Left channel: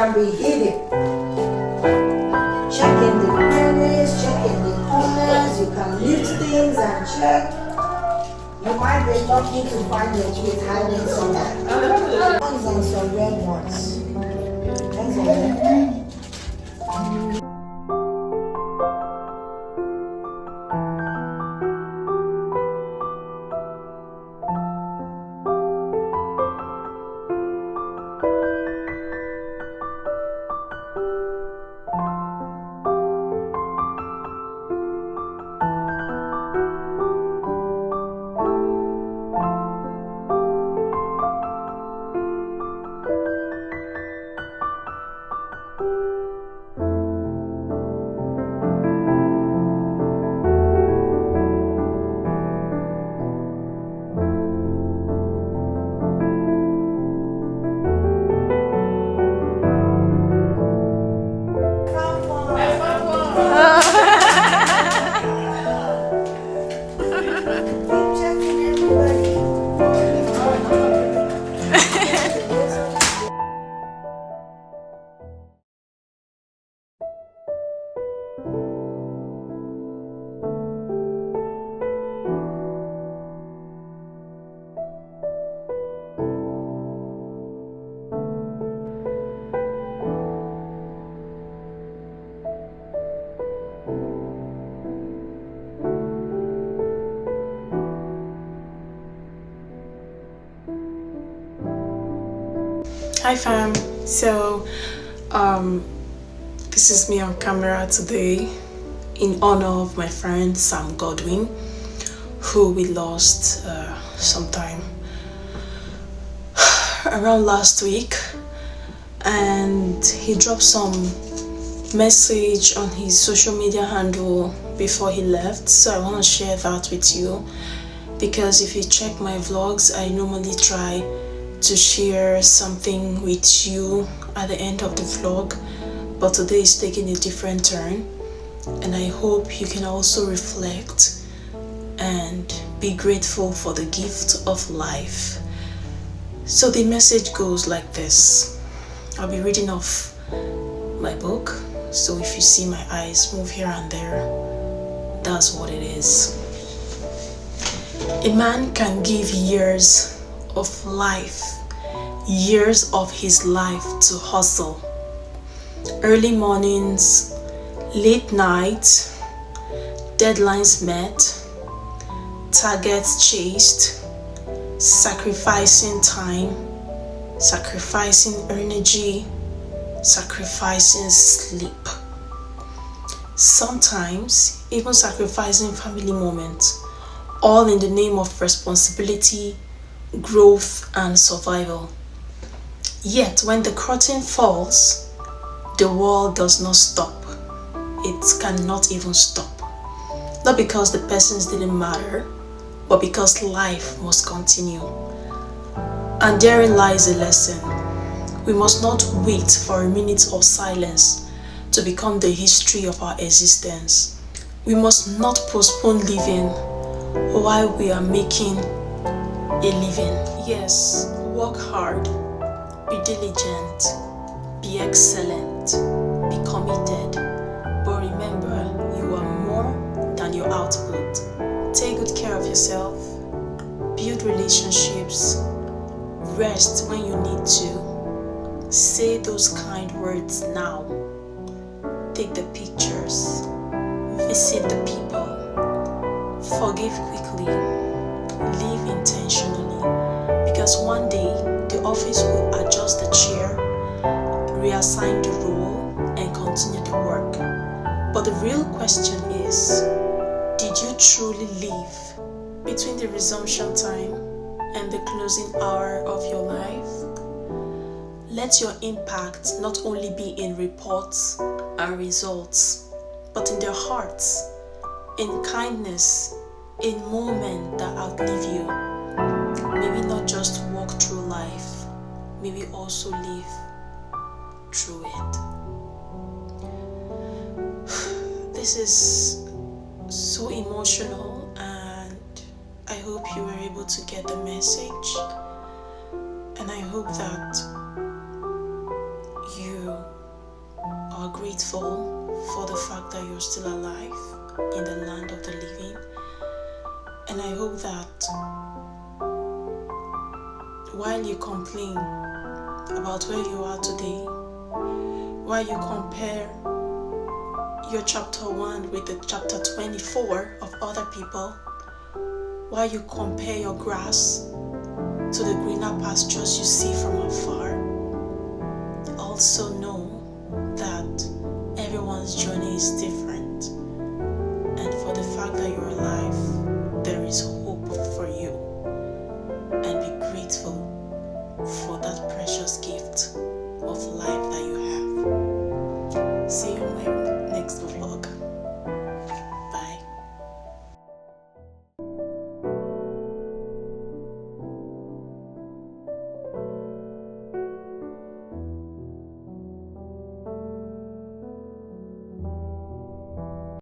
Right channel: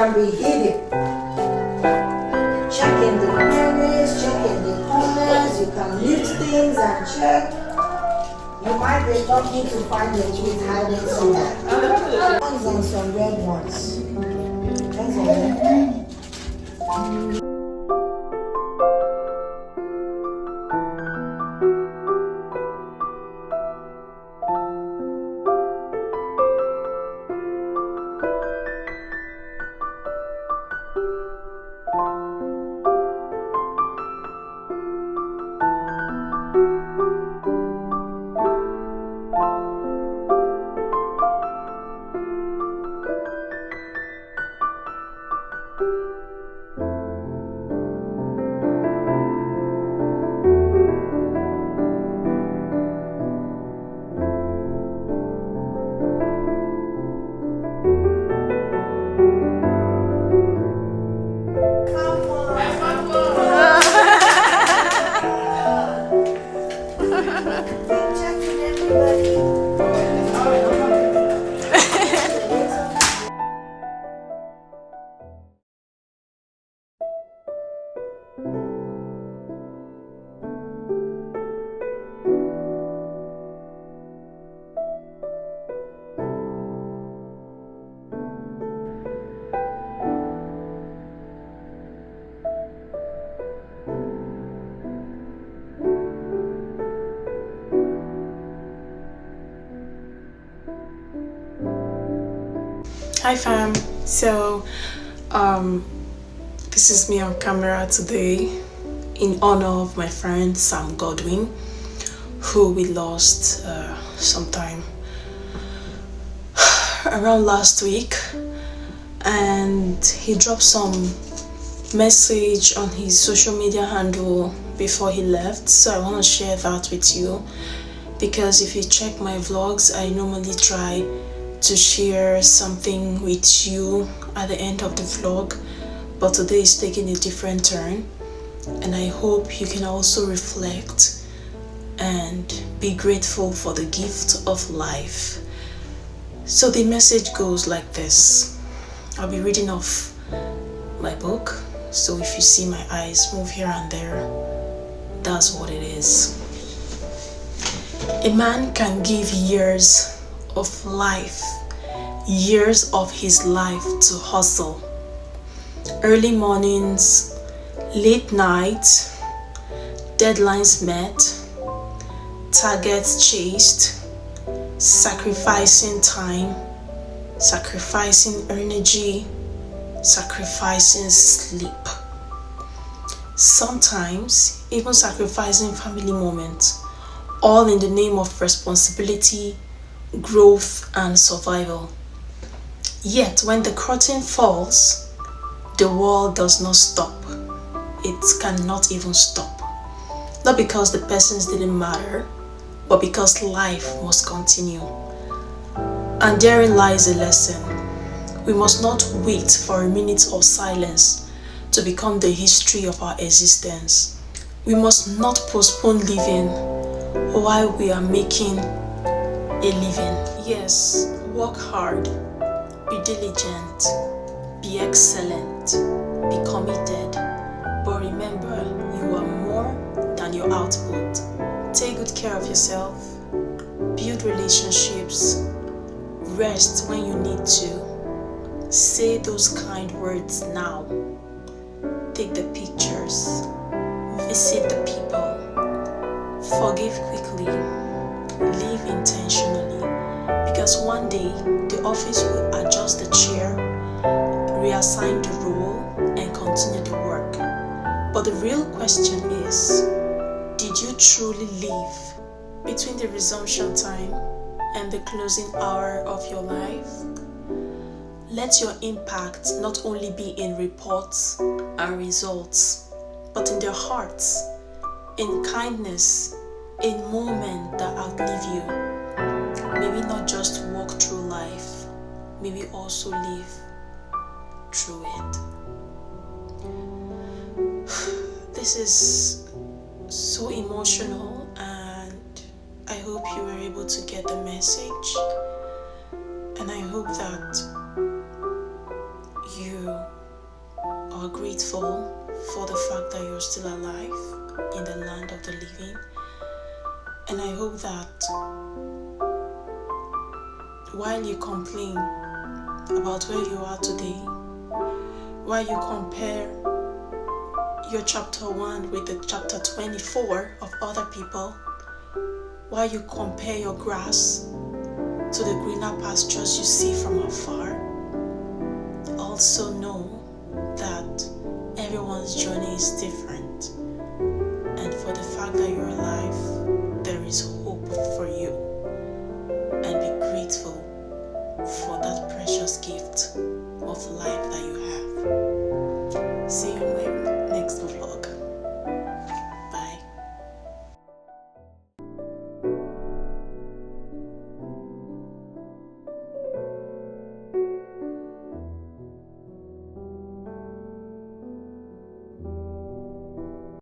can be hidden. Check in the corners, check in the corners. You can lift things and check. You might be lucky to find your keys hiding somewhere. Hands on some red ones. Hands on them. Checking everybody. Hi fam, so this is me on camera today in honor of my friend Sam Godwin, who we lost sometime around last week, and he dropped some message on his social media handle before he left, so I want to share that with you, because if you check my vlogs, I normally try to share something with you at the end of the vlog, but today is taking a different turn, and I hope you can also reflect and be grateful for the gift of life. So the message goes like this. I'll be reading off my book, so if you see my eyes move here and there, that's what it is. A man can give years of life, years of his life to hustle. Early mornings, late nights, deadlines met, targets chased, sacrificing time, sacrificing energy, sacrificing sleep. Sometimes even sacrificing family moments, all in the name of responsibility, growth, and survival. Yet when the curtain falls, the world does not stop. It cannot even stop. Not because the persons didn't matter, but because life must continue. And therein lies a lesson. We must not wait for a minute of silence to become the history of our existence. We must not postpone living while we are making a living. Yes, work hard, be diligent, be excellent, be committed, but remember, you are more than your output. Take good care of yourself, build relationships, rest when you need to, say those kind words now, take the pictures, visit the people, forgive quickly, live intentionally, because one day the office will adjust the chair, reassign the role, and continue the work. But the real question is, did you truly live between the resumption time and the closing hour of your life? Let your impact not only be in reports and results, but in their hearts, in kindness, in moments that outlive you. May we not just walk through life, may we also live through it. This is so emotional, and I hope you were able to get the message, and I hope that you are grateful for the fact that you're still alive in the land of the living. And I hope that while you complain about where you are today, while you compare your chapter 1 with the chapter 24 of other people, while you compare your grass to the greener pastures you see from afar, also know that everyone's journey is different. And for the fact that you're alive, there is hope for you. And be grateful for that precious gift of life that you have. See you